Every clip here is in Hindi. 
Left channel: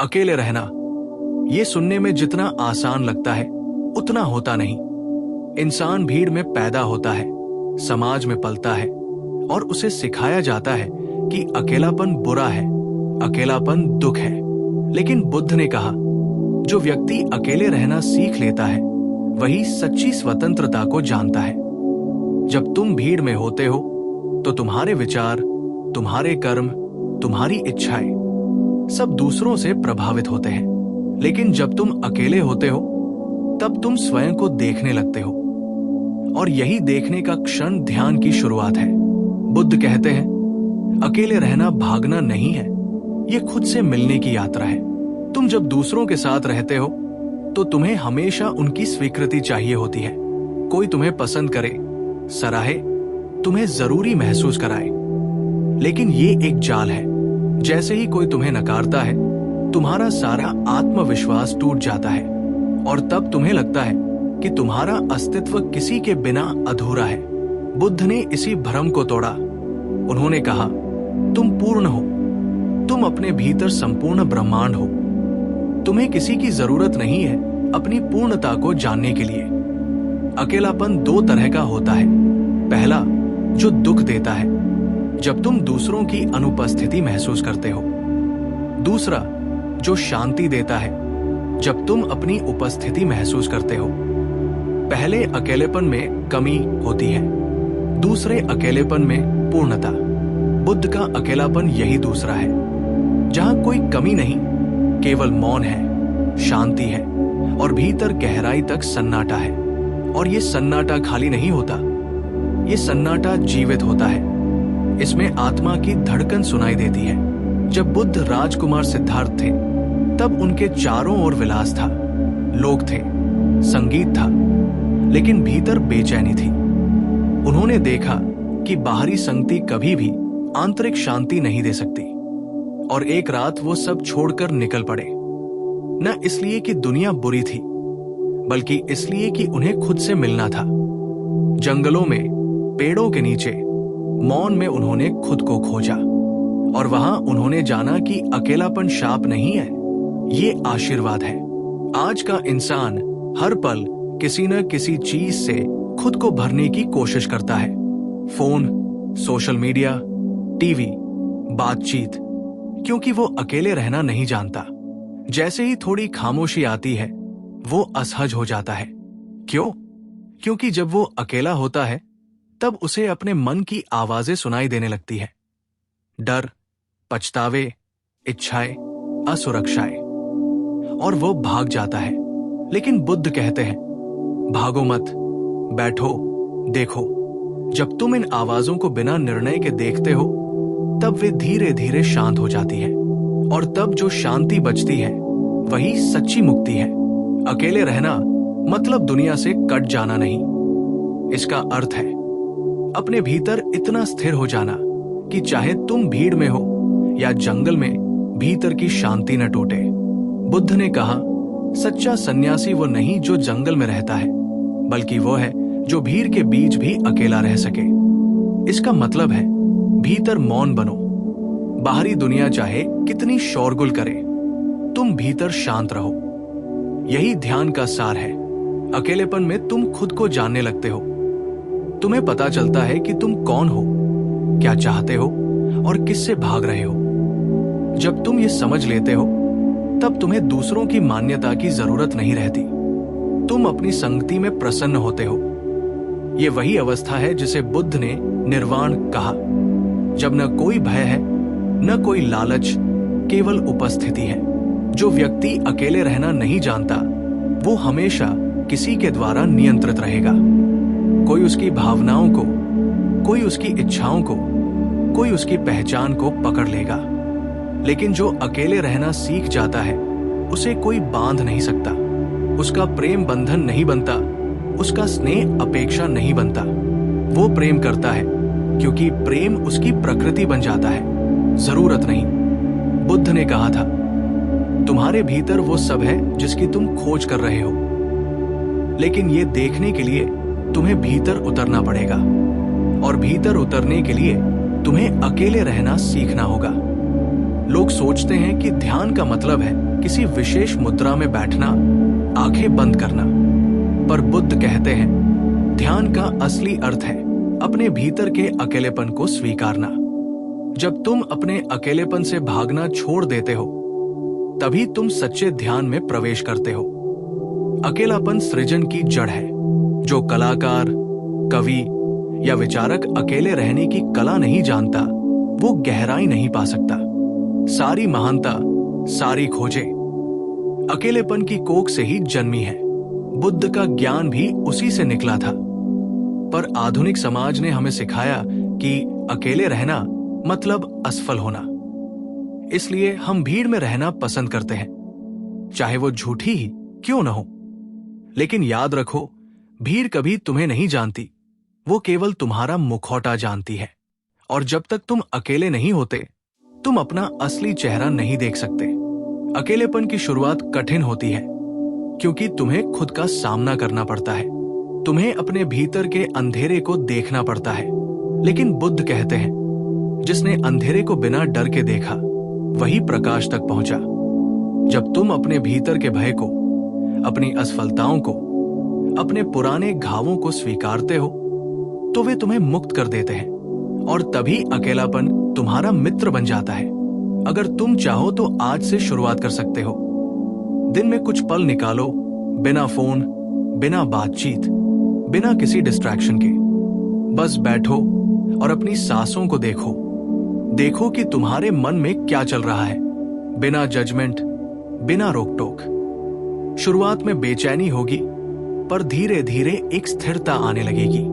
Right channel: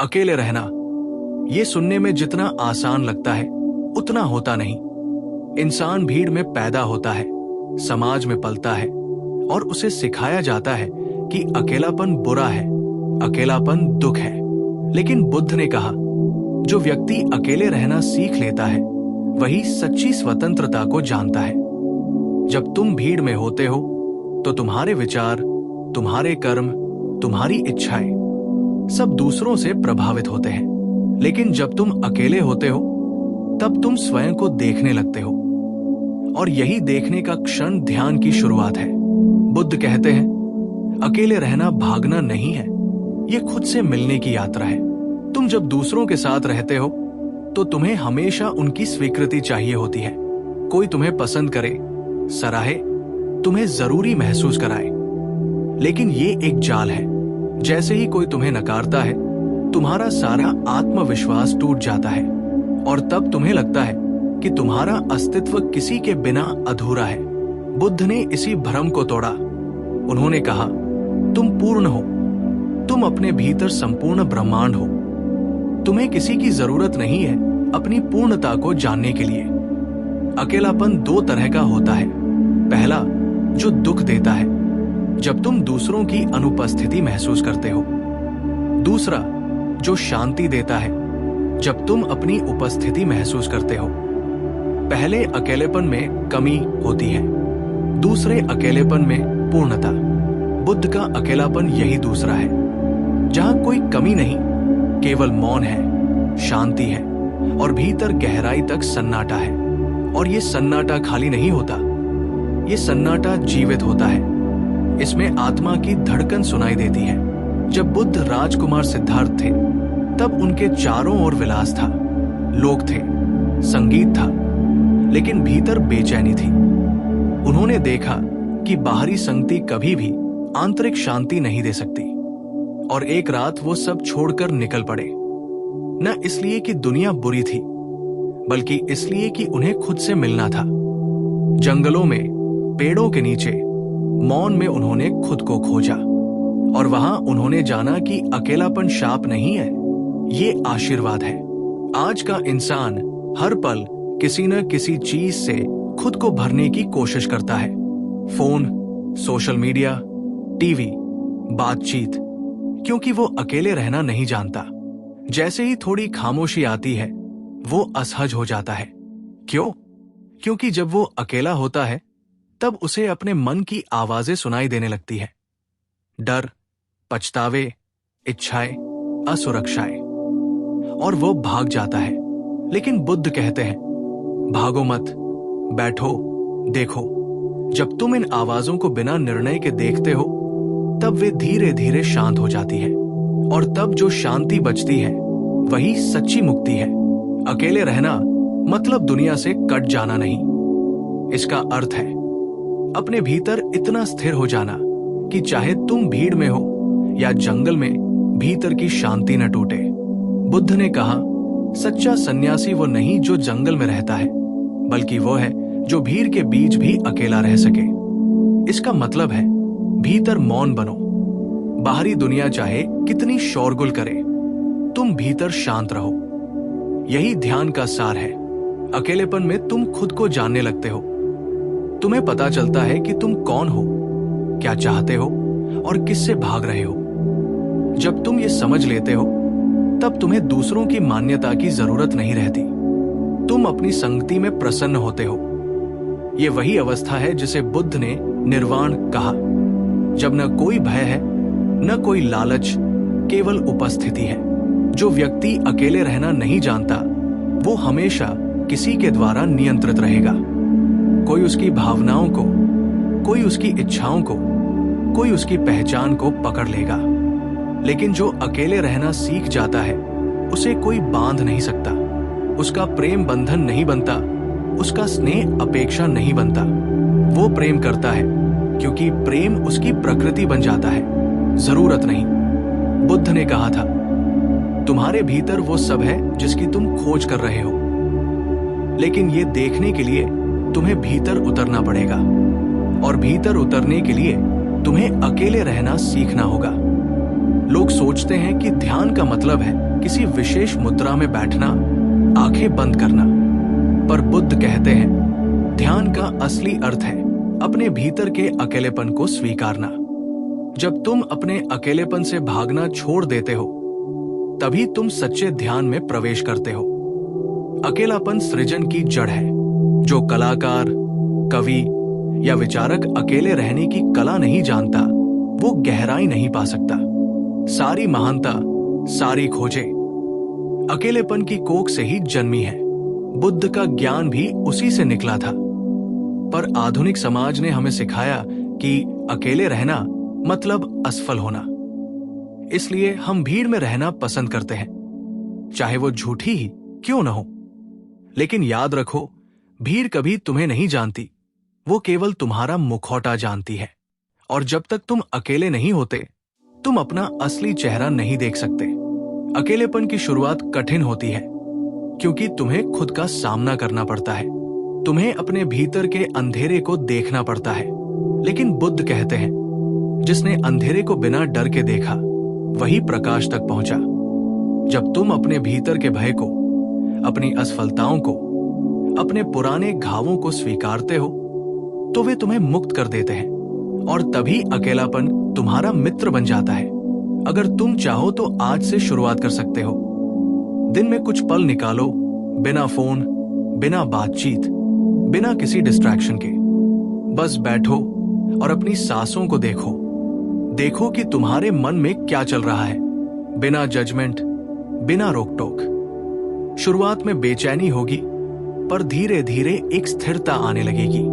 अकेले रहना, ये सुनने में जितना आसान लगता है उतना होता नहीं। इंसान भीड़ में पैदा होता है, समाज में पलता है और उसे सिखाया जाता है कि अकेलापन बुरा है, अकेलापन दुख है। लेकिन बुद्ध ने कहा, जो व्यक्ति अकेले रहना सीख लेता है वही सच्ची स्वतंत्रता को जानता है। जब तुम भीड़ में होते हो तो तुम्हारे विचार, तुम्हारे कर्म, तुम्हारी इच्छाएं सब दूसरों से प्रभावित होते हैं। लेकिन जब तुम अकेले होते हो तब तुम स्वयं को देखने लगते हो, और यही देखने का क्षण ध्यान की शुरुआत है। बुद्ध कहते हैं, अकेले रहना भागना नहीं है, ये खुद से मिलने की यात्रा है। तुम जब दूसरों के साथ रहते हो तो तुम्हें हमेशा उनकी स्वीकृति चाहिए होती है। कोई तुम्हें पसंद करे, सराहे, तुम्हें जरूरी महसूस कराए। लेकिन ये एक जाल है। जैसे ही कोई तुम्हें नकारता है, तुम्हारा सारा आत्मविश्वास टूट जाता है और तब तुम्हें लगता है कि तुम्हारा अस्तित्व किसी के बिना अधूरा है। बुद्ध ने इसी भ्रम को तोड़ा। उन्होंने कहा, तुम पूर्ण हो, तुम अपने भीतर संपूर्ण ब्रह्मांड हो। तुम्हें किसी की जरूरत नहीं है अपनी पूर्णता को जानने के लिए। अकेलापन दो तरह का होता है। पहला, जो दुख देता है, जब तुम दूसरों की अनुपस्थिति महसूस करते हो। दूसरा, जो शांति देता है, जब तुम अपनी उपस्थिति महसूस करते हो। पहले अकेलेपन में कमी होती है, दूसरे अकेलेपन में पूर्णता। बुद्ध का अकेलापन यही दूसरा है, जहां कोई कमी नहीं, केवल मौन है, शांति है और भीतर गहराई तक सन्नाटा है। और ये सन्नाटा खाली नहीं होता, ये सन्नाटा जीवित होता है। इसमें आत्मा की धड़कन सुनाई देती है। जब बुद्ध राजकुमार सिद्धार्थ थे तब उनके चारों ओर विलास था, लोग थे, संगीत था, लेकिन भीतर बेचैनी थी। उन्होंने देखा कि बाहरी संगति कभी भी आंतरिक शांति नहीं दे सकती। और एक रात वो सब छोड़कर निकल पड़े, न इसलिए कि दुनिया बुरी थी, बल्कि इसलिए कि उन्हें खुद से मिलना था। जंगलों में, पेड़ों के नीचे, मौन में उन्होंने खुद को खोजा। और वहां उन्होंने जाना कि अकेलापन शाप नहीं है, ये आशीर्वाद है। आज का इंसान हर पल किसी न किसी चीज से खुद को भरने की कोशिश करता है। फोन, सोशल मीडिया, टीवी, बातचीत, क्योंकि वो अकेले रहना नहीं जानता। जैसे ही थोड़ी खामोशी आती है, वो असहज हो जाता है। क्यों? क्योंकि जब वो अकेला होता है तब उसे अपने मन की आवाजें सुनाई देने लगती है। डर, पछतावे, इच्छाएं, असुरक्षाएं, और वो भाग जाता है। लेकिन बुद्ध कहते हैं, भागो मत, बैठो, देखो। जब तुम इन आवाजों को बिना निर्णय के देखते हो तब वे धीरे धीरे शांत हो जाती है, और तब जो शांति बचती है वही सच्ची मुक्ति है। अकेले रहना मतलब दुनिया से कट जाना नहीं। इसका अर्थ है अपने भीतर इतना स्थिर हो जाना कि चाहे तुम भीड़ में हो या जंगल में, भीतर की शांति न टूटे। बुद्ध ने कहा, सच्चा सन्यासी वो नहीं जो जंगल में रहता है, बल्कि वो है जो भीड़ के बीच भी अकेला रह सके। इसका मतलब है भीतर मौन बनो। बाहरी दुनिया चाहे कितनी शोरगुल करे, तुम भीतर शांत रहो। यही ध्यान का सार है। अकेलेपन में तुम खुद को जानने लगते हो। तुम्हें पता चलता है कि तुम कौन हो, क्या चाहते हो और किससे भाग रहे हो। जब तुम ये समझ लेते हो तब तुम्हें दूसरों की मान्यता की जरूरत नहीं रहती। तुम अपनी संगति में प्रसन्न होते हो। ये वही अवस्था है जिसे बुद्ध ने निर्वाण कहा, जब न कोई भय है, न कोई लालच, केवल उपस्थिति है। जो व्यक्ति अकेले रहना नहीं जानता, वो हमेशा किसी के द्वारा नियंत्रित रहेगा। कोई उसकी भावनाओं को, कोई उसकी इच्छाओं को, कोई उसकी पहचान को पकड़ लेगा। लेकिन जो अकेले रहना सीख जाता है, उसे कोई बांध नहीं सकता। उसका प्रेम बंधन नहीं बनता, उसका स्नेह अपेक्षा नहीं बनता। वो प्रेम करता है क्योंकि प्रेम उसकी प्रकृति बन जाता है, जरूरत नहीं। बुद्ध ने कहा था, तुम्हारे भीतर वो सब है जिसकी तुम खोज कर रहे हो, लेकिन ये देखने के लिए तुम्हें भीतर उतरना पड़ेगा, और भीतर उतरने के लिए तुम्हें अकेले रहना सीखना होगा। लोग सोचते हैं कि ध्यान का मतलब है किसी विशेष मुद्रा में बैठना, आंखें बंद करना। पर बुद्ध कहते हैं ध्यान का असली अर्थ है अपने भीतर के अकेलेपन को स्वीकारना। जब तुम अपने अकेलेपन से भागना छोड़ देते हो तभी तुम सच्चे ध्यान में प्रवेश करते हो। अकेलापन सृजन की जड़ है। जो कलाकार, कवि या विचारक अकेले रहने की कला नहीं जानता वो गहराई नहीं पा सकता। सारी महानता, सारी खोजें अकेलेपन की कोख से ही जन्मी है। बुद्ध का ज्ञान भी उसी से निकला था। पर आधुनिक समाज ने हमें सिखाया कि अकेले रहना मतलब असफल होना। इसलिए हम भीड़ में रहना पसंद करते हैं, चाहे वो झूठी ही क्यों न हो। लेकिन याद रखो, भीड़ कभी तुम्हें नहीं जानती, वो केवल तुम्हारा मुखौटा जानती है। और जब तक तुम अकेले नहीं होते तुम अपना असली चेहरा नहीं देख सकते। अकेलेपन की शुरुआत कठिन होती है क्योंकि तुम्हें खुद का सामना करना पड़ता है। तुम्हें अपने भीतर के अंधेरे को देखना पड़ता है। लेकिन बुद्ध कहते हैं जिसने अंधेरे को बिना डर के देखा वही प्रकाश तक पहुंचा। जब तुम अपने भीतर के भय को, अपनी असफलताओं को, अपने पुराने घावों को स्वीकारते हो तो वे तुम्हें मुक्त कर देते हैं और तभी अकेलापन तुम्हारा मित्र बन जाता है। अगर तुम चाहो तो आज से शुरुआत कर सकते हो। दिन में कुछ पल निकालो, बिना फोन, बिना बातचीत, बिना किसी डिस्ट्रैक्शन के। बस बैठो और अपनी सांसों को देखो। देखो कि तुम्हारे मन में क्या चल रहा है, बिना जजमेंट, बिना रोक टोक। शुरुआत में बेचैनी होगी पर धीरे धीरे एक स्थिरता आने लगेगी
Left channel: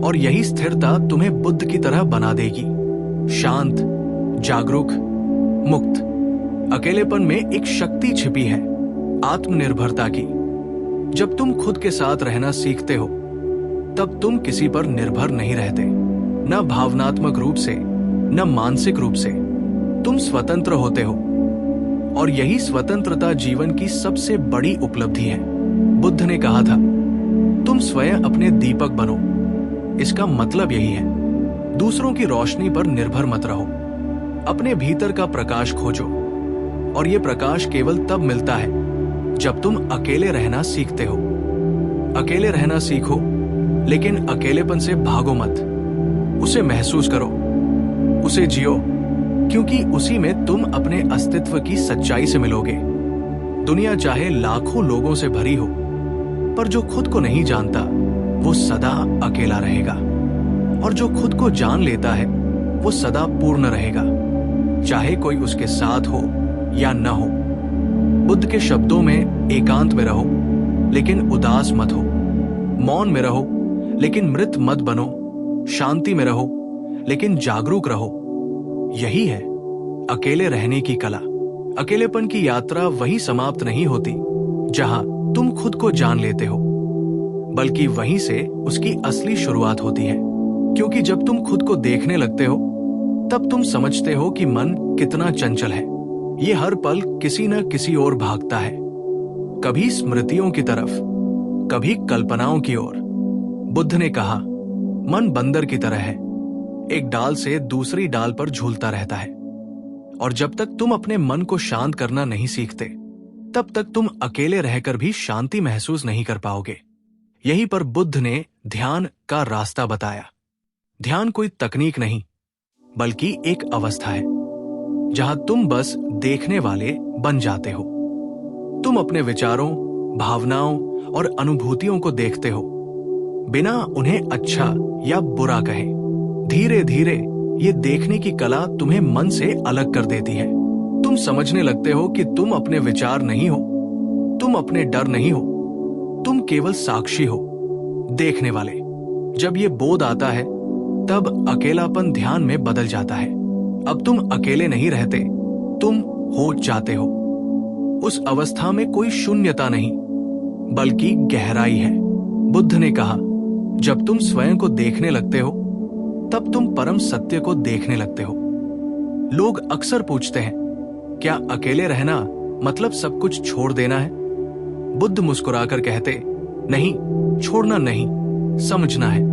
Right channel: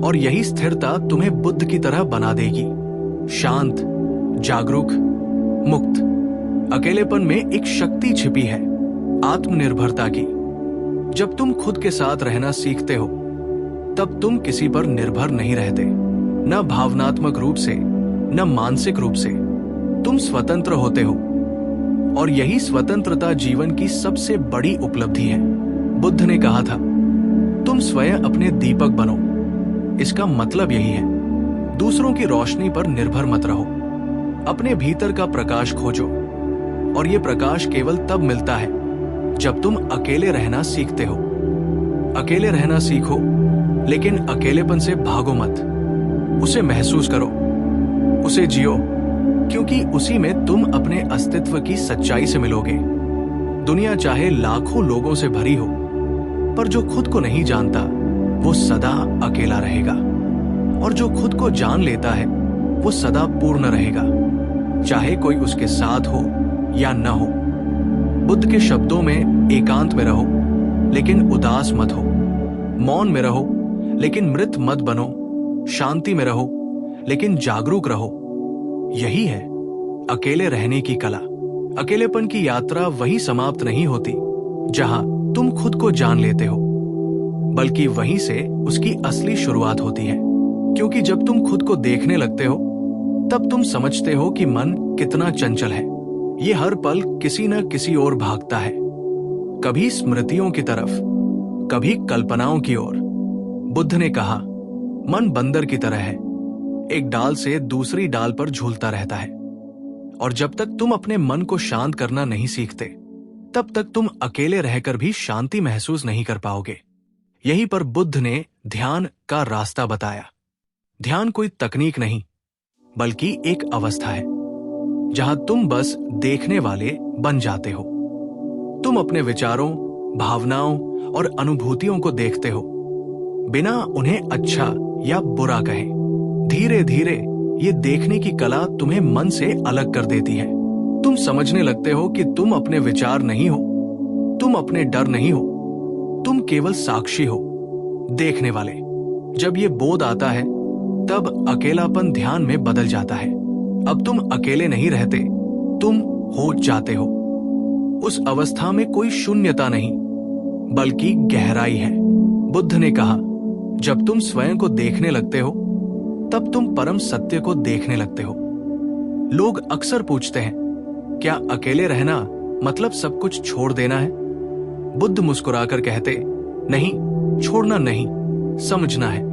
और यही स्थिरता तुम्हें बुद्ध की तरह बना देगी, शांत, जागरूक, मुक्त। अकेलेपन में एक शक्ति छिपी है, आत्मनिर्भरता की। जब तुम खुद के साथ रहना सीखते हो तब तुम किसी पर निर्भर नहीं रहते, न भावनात्मक रूप से न मानसिक रूप से। तुम स्वतंत्र होते हो और यही स्वतंत्रता जीवन की सबसे बड़ी उपलब्धि है। बुद्ध ने कहा था तुम स्वयं अपने दीपक बनो। इसका मतलब यही है, दूसरों की रोशनी पर निर्भर मत रहो। अपने भीतर का प्रकाश खोजो और यह प्रकाश केवल तब मिलता है जब तुम अकेले रहना सीखते हो। अकेले रहना सीखो, लेकिन अकेलेपन से भागो मत। उसे महसूस करो, उसे जियो, क्योंकि उसी में तुम अपने अस्तित्व की सच्चाई से मिलोगे। दुनिया चाहे लाखों लोगों से भरी हो, पर जो खुद को नहीं जानता वो सदा अकेला रहेगा, और जो खुद को जान लेता है वो सदा पूर्ण रहेगा, चाहे कोई उसके साथ हो या न हो। बुद्ध के शब्दों में एकांत में रहो लेकिन उदास मत हो, मौन में रहो लेकिन मृत मत बनो, शांति में रहो लेकिन जागरूक रहो। यही है अकेले रहने की कला। अकेलेपन की यात्रा वहीं समाप्त नहीं होती जहां तुम खुद को जान लेते हो, बल्कि वहीं से उसकी असली शुरुआत होती है। क्योंकि जब तुम खुद को देखने लगते हो तब तुम समझते हो कि मन कितना चंचल है। ये हर पल किसी न किसी ओर भागता है, कभी स्मृतियों की तरफ, कभी कल्पनाओं की ओर। बुद्ध ने कहा मन बंदर की तरह है, एक डाल से दूसरी डाल पर झूलता रहता है। और जब तक तुम अपने मन को शांत करना नहीं सीखते तब तक तुम अकेले रहकर भी शांति महसूस नहीं कर पाओगे। यहीं पर बुद्ध ने ध्यान का रास्ता बताया। ध्यान कोई तकनीक नहीं, बल्कि एक अवस्था है जहां तुम बस देखने वाले बन जाते हो। तुम अपने विचारों, भावनाओं और अनुभूतियों को देखते हो, बिना उन्हें अच्छा या बुरा कहे। धीरे धीरे ये देखने की कला तुम्हें मन से अलग कर देती है। तुम समझने लगते हो कि तुम अपने विचार नहीं हो, तुम अपने डर नहीं हो, तुम केवल साक्षी हो, देखने वाले। जब ये बोध आता है तब अकेलापन ध्यान में बदल जाता है। अब तुम अकेले नहीं रहते, तुम हो जाते हो। उस अवस्था में कोई शून्यता नहीं, बल्कि गहराई है। बुद्ध ने कहा जब तुम स्वयं को देखने लगते हो तब तुम परम सत्य को देखने लगते हो। लोग अक्सर पूछते हैं क्या अकेले रहना मतलब सब कुछ छोड़ देना है? बुद्ध मुस्कुराकर कहते नहीं, छोड़ना नहीं, समझना है।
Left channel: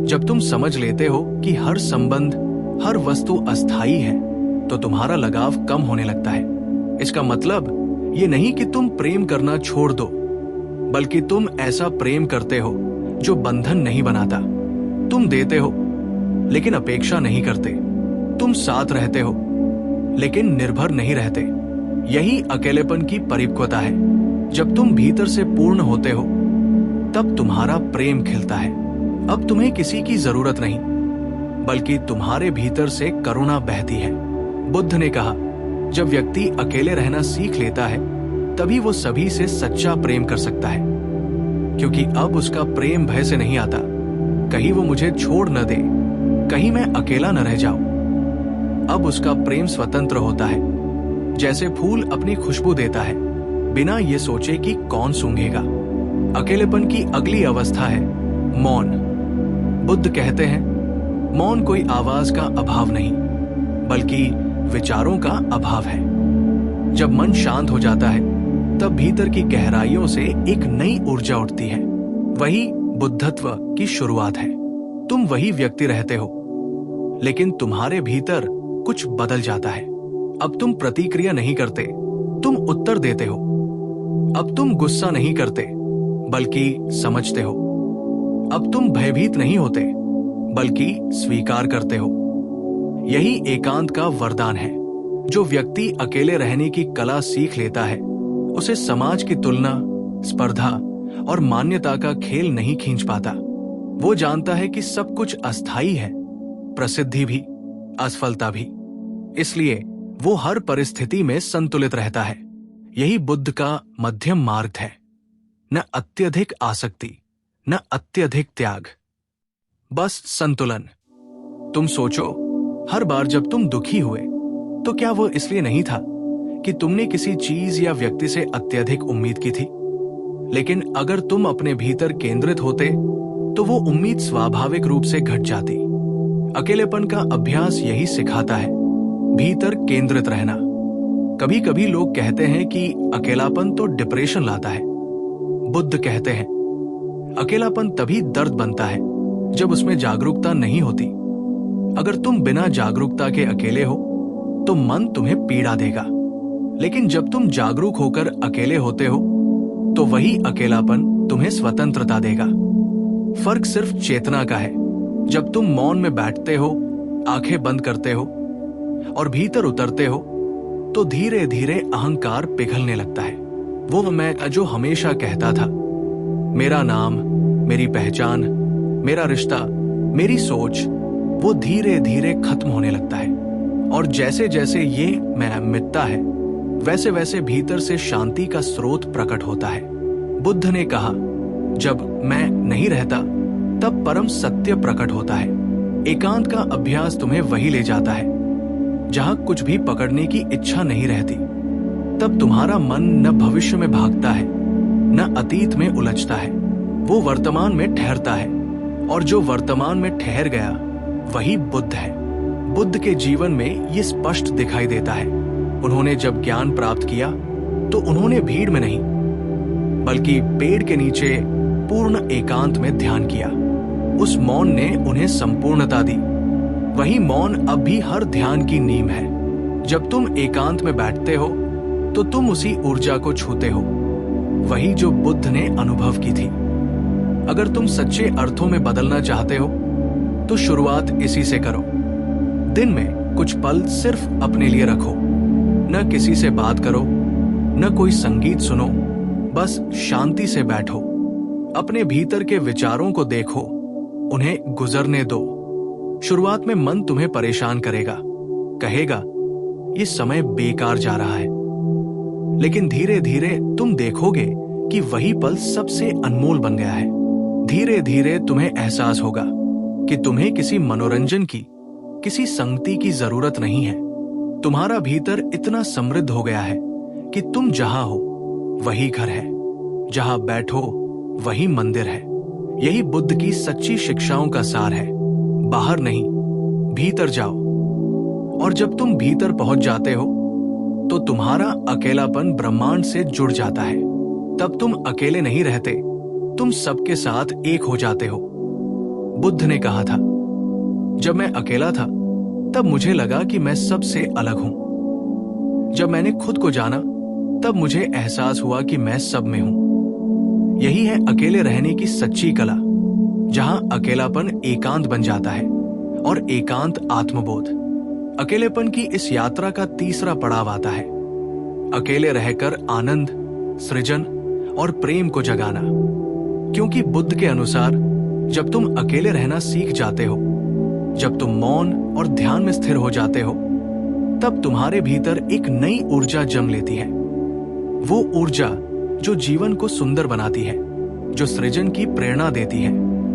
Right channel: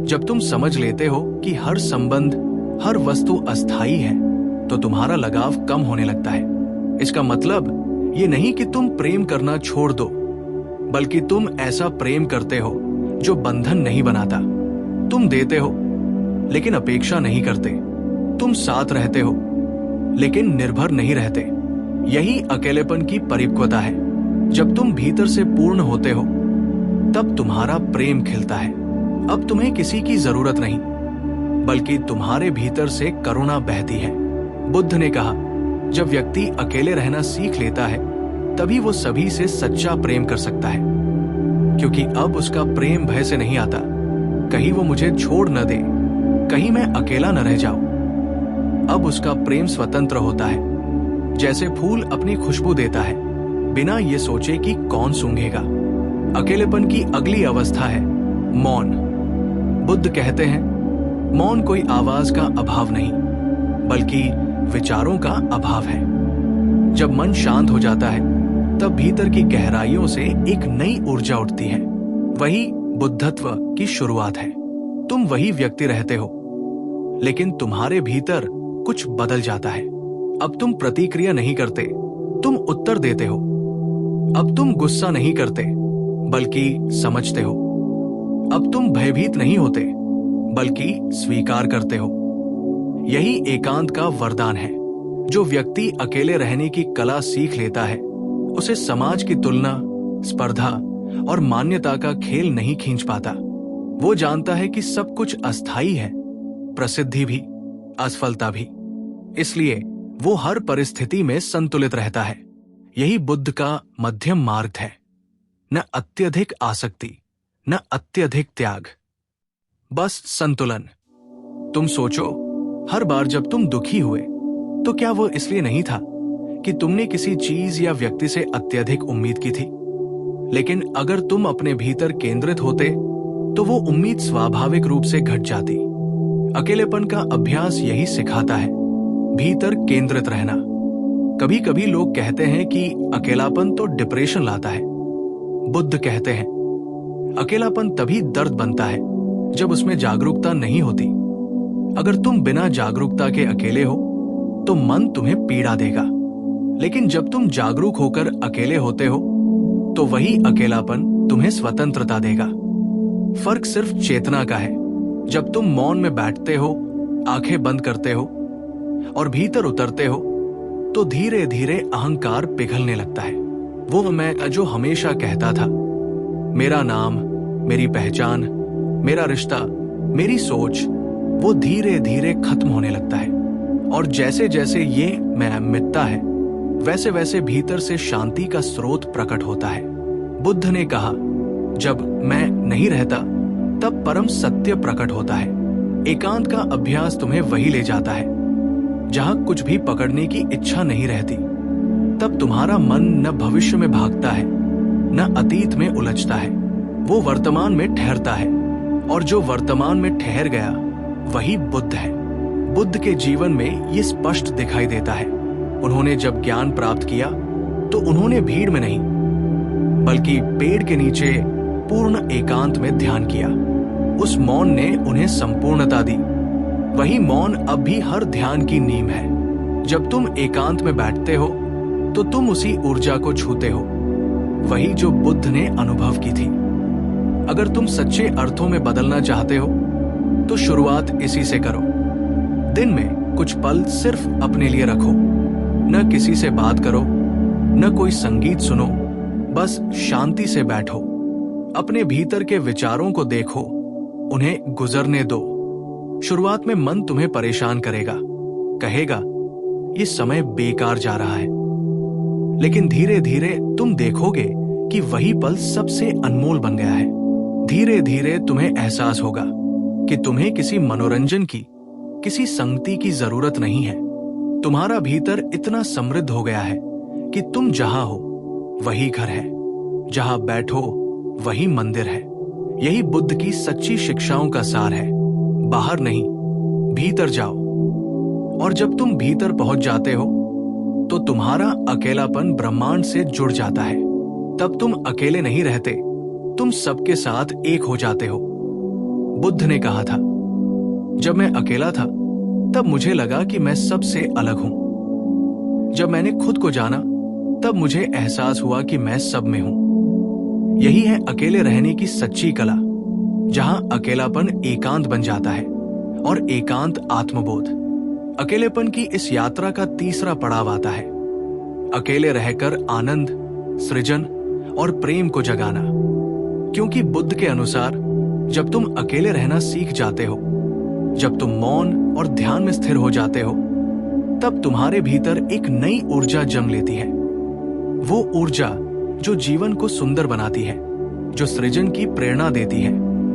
जब तुम समझ लेते हो कि हर संबंध, हर वस्तु अस्थायी है तो तुम्हारा लगाव कम होने लगता है। इसका मतलब ये नहीं कि तुम प्रेम करना छोड़ दो, बल्कि तुम ऐसा प्रेम करते हो जो बंधन नहीं बनाता। तुम देते हो लेकिन अपेक्षा नहीं करते। तुम साथ रहते हो लेकिन निर्भर नहीं रहते। यही अकेलेपन की परिपक्वता है। जब तुम भीतर से पूर्ण होते हो तब तुम्हारा प्रेम खिलता है। अब तुम्हें किसी की जरूरत नहीं, बल्कि तुम्हारे भीतर से करुणा बहती है। बुद्ध ने कहा, जब व्यक्ति अकेले रहना सीख लेता है तभी वो सभी से सच्चा प्रेम कर सकता है, क्योंकि अब उसका प्रेम भय से नहीं आता, कहीं वो मुझे छोड़ न दे, कहीं मैं अकेला न रह जाऊं। अब उसका प्रेम स्वतंत्र होता है, जैसे फूल अपनी खुशबू देता है बिना ये सोचे कि कौन सूंघेगा। अकेलेपन की अगली अवस्था है मौन। बुद्ध कहते हैं, मौन कोई आवाज का अभाव नहीं, बल्कि विचारों का अभाव है। जब मन शांत हो जाता है तब भीतर की गहराइयों से एक नई ऊर्जा उठती है। वही बुद्धत्व की शुरुआत है। तुम वही व्यक्ति रहते हो, लेकिन तुम्हारे भीतर कुछ बदल जाता है। अब तुम प्रतिक्रिया नहीं करते, तुम उत्तर देते हो। अब तुम गुस्सा नहीं करते, बल्कि समझते हो। अब तुम भयभीत नहीं होते, बल्कि स्वीकार करते हो। यही एकांत का वरदान है। जो व्यक्ति अकेले रहने की कला सीख लेता है, उसे समाज की तुलना, स्पर्धा और मान्यता का खेल नहीं खींच पाता। वो जानता है कि सब कुछ अस्थायी है, प्रसिद्धि भी, असफलता भी। इसलिए वो हर परिस्थिति में संतुलित रहता है। यही बुद्ध का मध्यम मार्ग है। न अत्यधिक आसक्ति, न अत्यधिक त्याग, बस संतुलन। तुम सोचो, हर बार जब तुम दुखी हुए तो क्या वो इसलिए नहीं था कि तुमने किसी चीज या व्यक्ति से अत्यधिक उम्मीद की थी? लेकिन अगर तुम अपने भीतर केंद्रित होते तो वो उम्मीद स्वाभाविक रूप से घट जाती। अकेलेपन का अभ्यास यही सिखाता है, भीतर केंद्रित रहना। कभी कभी लोग कहते हैं कि अकेलापन तो डिप्रेशन लाता है। बुद्ध कहते हैं, अकेलापन तभी दर्द बनता है जब उसमें जागरूकता नहीं होती। अगर तुम बिना जागरूकता के अकेले हो तो मन तुम्हें पीड़ा देगा, लेकिन जब तुम जागरूक होकर अकेले होते हो तो वही अकेलापन तुम्हें स्वतंत्रता देगा। फर्क सिर्फ चेतना का है। जब तुम मौन में बैठते हो, आंखें बंद करते हो और भीतर उतरते हो, तो धीरे धीरे अहंकार पिघलने लगता है। वो मैं जो हमेशा कहता था, मेरा नाम, मेरी पहचान, मेरा रिश्ता, मेरी सोच, वो धीरे धीरे खत्म होने लगता है। और जैसे जैसे ये मैं मिटता है, वैसे वैसे भीतर से शांति का स्रोत प्रकट होता है। बुद्ध ने कहा, जब मैं नहीं रहता तब परम सत्य प्रकट होता है। एकांत का अभ्यास तुम्हें वही ले जाता है जहां कुछ भी पकड़ने की इच्छा नहीं रहती। तब तुम्हारा मन न भविष्य में भागता है, न अतीत में उलझता है। वो वर्तमान में ठहरता है, और जो वर्तमान में ठहर गया वही बुद्ध है। बुद्ध के जीवन में ये स्पष्ट दिखाई देता है। उन्होंने जब ज्ञान प्राप्त किया तो उन्होंने भीड़ में नहीं, बल्कि पेड़ के नीचे पूर्ण एकांत में ध्यान किया। उस मौन ने उन्हें संपूर्णता दी। वही मौन अब भी हर ध्यान की नींव है। जब तुम एकांत में बैठते हो तो तुम उसी ऊर्जा को छूते हो, वही जो बुद्ध ने अनुभव की थी। अगर तुम सच्चे अर्थों में बदलना चाहते हो तो शुरुआत इसी से करो। दिन में कुछ पल सिर्फ अपने लिए रखो। न किसी से बात करो, न कोई संगीत सुनो, बस शांति से बैठो। अपने भीतर के विचारों को देखो, उन्हें गुजरने दो। शुरुआत में मन तुम्हें परेशान करेगा, कहेगा ये समय बेकार जा रहा है, लेकिन धीरे धीरे तुम देखोगे कि वही पल सबसे अनमोल बन गया है। धीरे धीरे तुम्हें एहसास होगा कि तुम्हें किसी मनोरंजन की, किसी संगति की जरूरत नहीं है। तुम्हारा भीतर इतना समृद्ध हो गया है कि तुम जहां हो वही घर है, जहां बैठो वही मंदिर है। यही बुद्ध की सच्ची शिक्षाओं का सार है। बाहर नहीं, भीतर जाओ। और जब तुम भीतर पहुंच जाते हो तो तुम्हारा अकेलापन ब्रह्मांड से जुड़ जाता है। तब तुम अकेले नहीं रहते, तुम सबके साथ एक हो जाते हो। बुद्ध ने कहा था, जब मैं अकेला था तब मुझे लगा कि मैं सबसे अलग हूं। जब मैंने खुद को जाना तब मुझे एहसास हुआ कि मैं सब में हूं। यही है अकेले रहने की सच्ची कला, जहां अकेलापन एकांत बन जाता है और एकांत आत्मबोध। अकेलेपन की इस यात्रा का तीसरा पड़ाव आता है, अकेले रहकर आनंद, सृजन और प्रेम को जगाना। क्योंकि बुद्ध के अनुसार जब तुम अकेले रहना सीख जाते हो, जब तुम मौन और ध्यान में स्थिर हो जाते हो, तब तुम्हारे भीतर एक नई ऊर्जा जन्म लेती है। वो ऊर्जा जो जीवन को सुंदर बनाती है, जो सृजन की प्रेरणा देती है,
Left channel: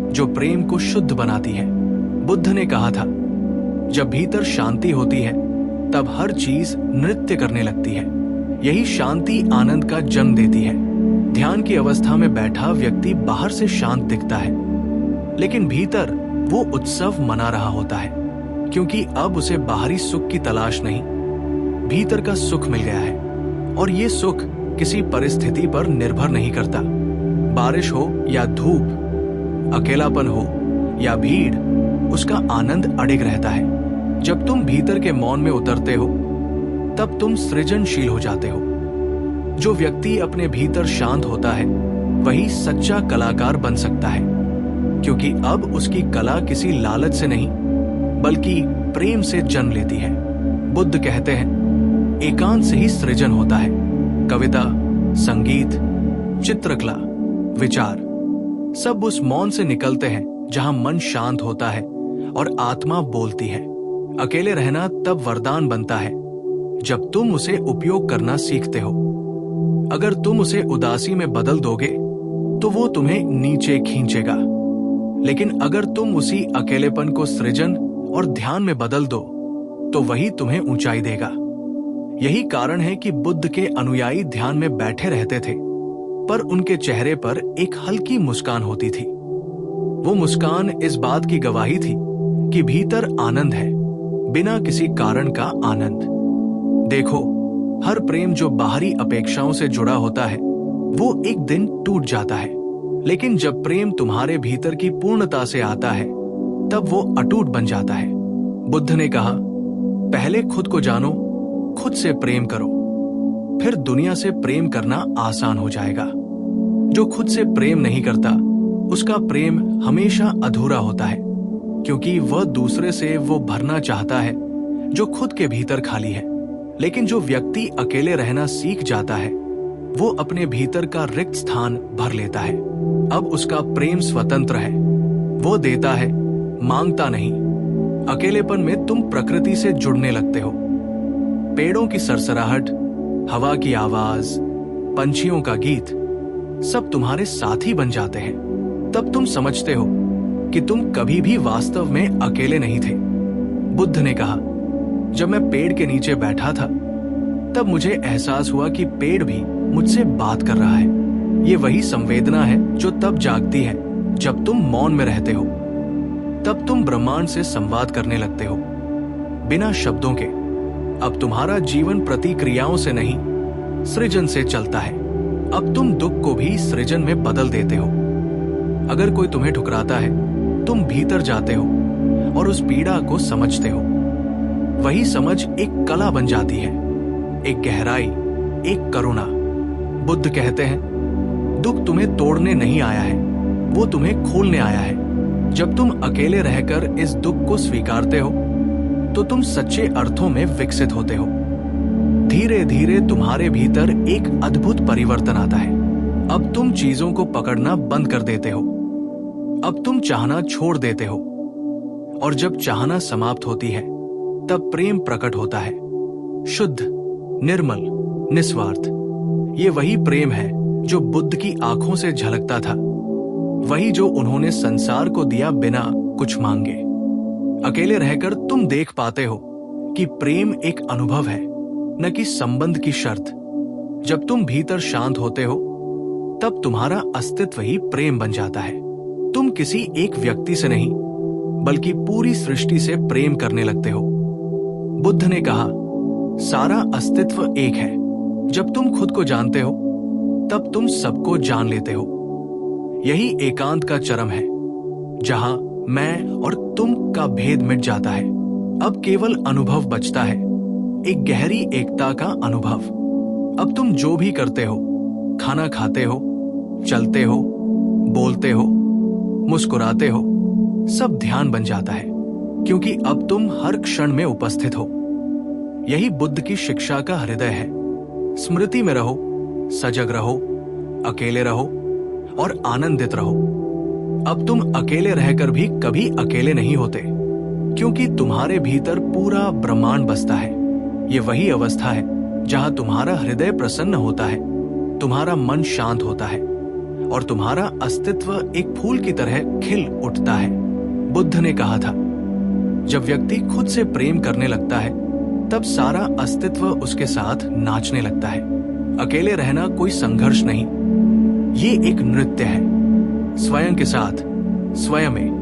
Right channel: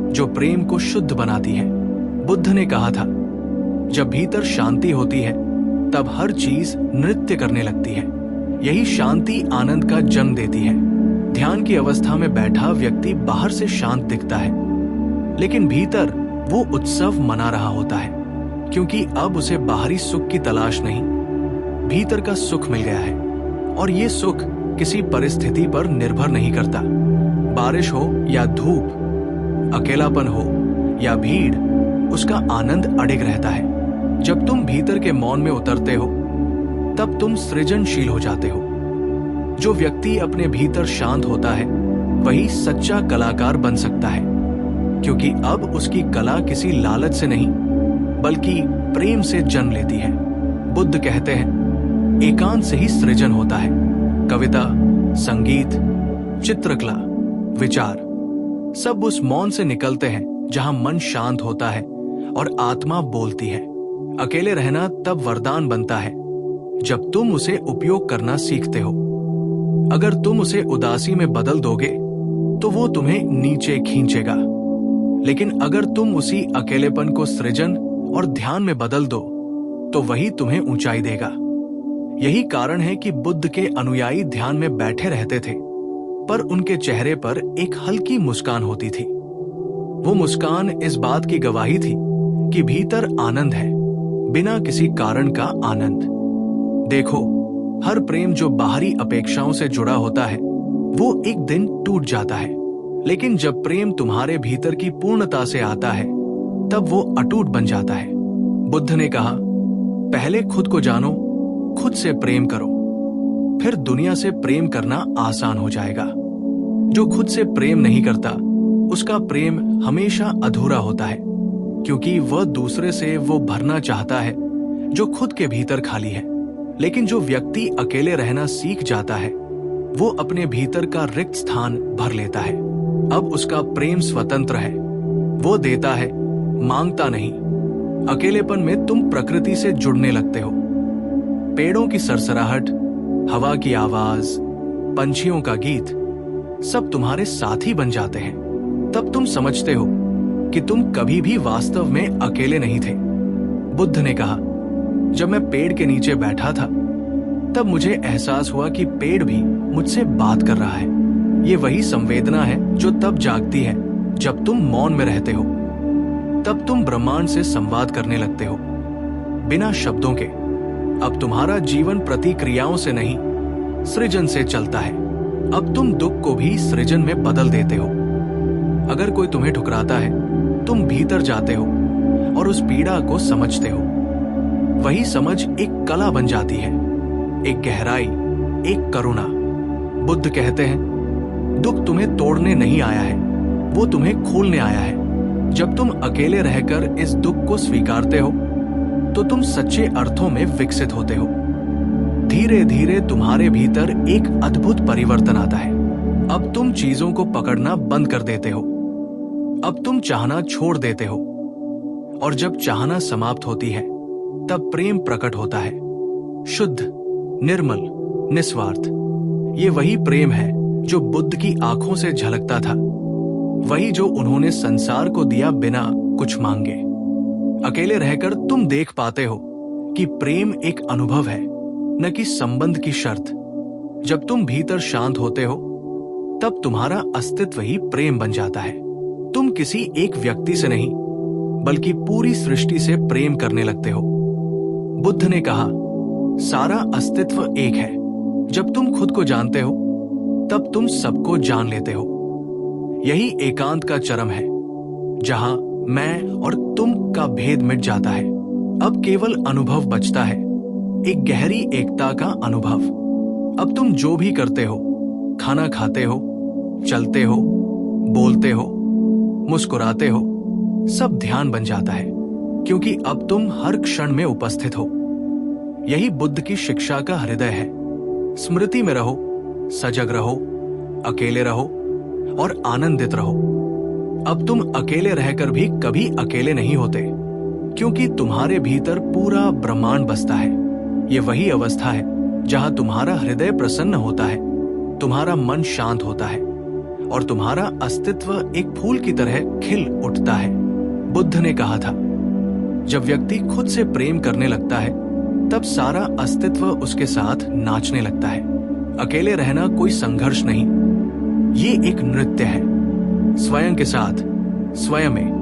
जो प्रेम को शुद्ध बनाती है। बुद्ध ने कहा था, जब भीतर शांति होती है तब हर चीज नृत्य करने लगती है। यही शांति आनंद का जन्म देती है। ध्यान की अवस्था में बैठा व्यक्ति बाहर से शांत दिखता है, लेकिन भीतर वो उत्सव मना रहा होता है, क्योंकि अब उसे बाहरी सुख की तलाश नहीं, भीतर का सुख मिल गया है। और ये सुख किसी परिस्थिति पर निर्भर नहीं करता। बारिश हो या धूप, अकेलापन हो या भीड़, उसका आनंद अडिग रहता है। जब तुम भीतर के मौन में उतरते हो तब तुम सृजनशील हो जाते हो। जो व्यक्ति अपने भीतर शांत होता है वही सच्चा कलाकार बन सकता है, क्योंकि अब उसकी कला किसी लालच से नहीं बल्कि प्रेम से जन्म लेती है। बुद्ध कहते हैं, एकांत से ही सृजन होता है। कविता, संगीत, चित्रकला, विचार सब उस मौन से निकलते हैं जहां मन शांत होता है और आत्मा बोलती है। अकेले रहना तब वरदान बनता है जब तुम उसे उपयोग करना सीखते हो। अगर तुम उसे उदासी में बदल दोगे तो वो तुम्हें नीचे खींचेगा, लेकिन अगर तुम उसी अकेलेपन को सृजन और ध्यान में बदल दो तो वही तुम्हें ऊंचाई देगा। यही कारण है कि बुद्ध के अनुयायी ध्यान में बैठे रहते थे, पर उनके चेहरे पर एक हल्की मुस्कान होती थी। वो मुस्कान इस बात की गवाही थी कि भीतर आनंद है, बिना किसी कारण का आनंद। देखो, हर प्रेम जो बाहरी अपेक्षाओं से जुड़ा होता है वो एक दिन टूट जाता है, लेकिन जब प्रेम तुम्हारे भीतर की पूर्णता से आता है तब वो अटूट बन जाता है। बुद्ध ने कहा, पहले खुद को जानो, खुद से प्रेम करो, फिर दुनिया से प्रेम करना आसान हो जाएगा। जो खुद से प्रेम नहीं करता उसका प्रेम हमेशा अधूरा होता है, क्योंकि वह दूसरे से वो भरना चाहता है जो खुद के भीतर खाली है। लेकिन जो व्यक्ति अकेले रहना सीख जाता है वो अपने भीतर का रिक्त स्थान भर लेता है। अब उसका प्रेम स्वतंत्र है, वो देता है, मांगता नहीं। अकेलेपन में तुम प्रकृति से जुड़ने लगते हो। पेड़ों की सरसराहट, हवा की आवाज, पंछियों का गीत सब तुम्हारे साथी बन जाते हैं। तब तुम समझते हो कि तुम कभी भी वास्तव में अकेले नहीं थे। बुद्ध ने कहा, जब मैं पेड़ के नीचे बैठा था तब मुझे एहसास हुआ कि पेड़ भी मुझसे बात कर रहा है। ये वही संवेदना है जो तब जागती है जब तुम मौन में रहते हो। तब तुम ब्रह्मांड से संवाद करने लगते हो, बिना शब्दों के। अब तुम्हारा जीवन प्रतिक्रियाओं से नहीं, सृजन से चलता है। अब तुम दुख को भी सृजन में बदल देते हो। अगर कोई तुम्हें ठुकराता है, तुम भीतर जाते हो और उस पीड़ा को समझते हो। वही समझ एक कला बन जाती है, एक गहराई, एक करुणा। बुद्ध कहते हैं, दुख तुम्हें तोड़ने नहीं आया है, वो तुम्हें खोलने आया है। जब तुम अकेले रहकर इस दुख को स्वीकारते हो तो तुम सच्चे अर्थों में विकसित होते हो। धीरे धीरे तुम्हारे भीतर एक अद्भुत परिवर्तन आता है। अब तुम चीजों को पकड़ना बंद कर देते हो। अब तुम चाहना छोड़ देते हो, और जब चाहना समाप्त होती है तब प्रेम प्रकट होता है, शुद्ध, निर्मल, निस्वार्थ। ये वही प्रेम है जो बुद्ध की आंखों से झलकता था, वही जो उन्होंने संसार को दिया बिना कुछ मांगे। अकेले रहकर तुम देख पाते हो कि प्रेम एक अनुभव है, न कि संबंध की शर्त। जब तुम भीतर शांत होते हो तब तुम्हारा अस्तित्व ही प्रेम बन जाता है। तुम किसी एक व्यक्ति से नहीं बल्कि पूरी सृष्टि से प्रेम करने लगते हो। बुद्ध ने कहा, सारा अस्तित्व एक है। जब तुम खुद को जानते हो तब तुम सबको जान लेते हो। यही एकांत का चरम है, जहां मैं और तुम का भेद मिट जाता है। अब केवल अनुभव बचता है, एक गहरी एकता का अनुभव। अब तुम जो भी करते हो, खाना खाते हो, चलते हो, बोलते हो, मुस्कुराते हो, सब ध्यान बन जाता है, क्योंकि अब तुम हर क्षण में उपस्थित हो। यही बुद्ध की शिक्षा का हृदय है। स्मृति में रहो, सजग रहो, अकेले रहो और आनंदित रहो। अब तुम अकेले रहकर भी कभी अकेले नहीं होते, क्योंकि तुम्हारे भीतर पूरा ब्रह्मांड बसता है। ये वही अवस्था है जहां तुम्हारा हृदय प्रसन्न होता है, तुम्हारा मन शांत होता है और तुम्हारा अस्तित्व एक फूल की तरह खिल उठता है। बुद्ध ने कहा था, जब व्यक्ति खुद से प्रेम करने लगता है, तब सारा अस्तित्व उसके साथ नाचने लगता है। अकेले रहना कोई संघर्ष नहीं, ये एक नृत्य है। स्वयं के साथ, स्वयं में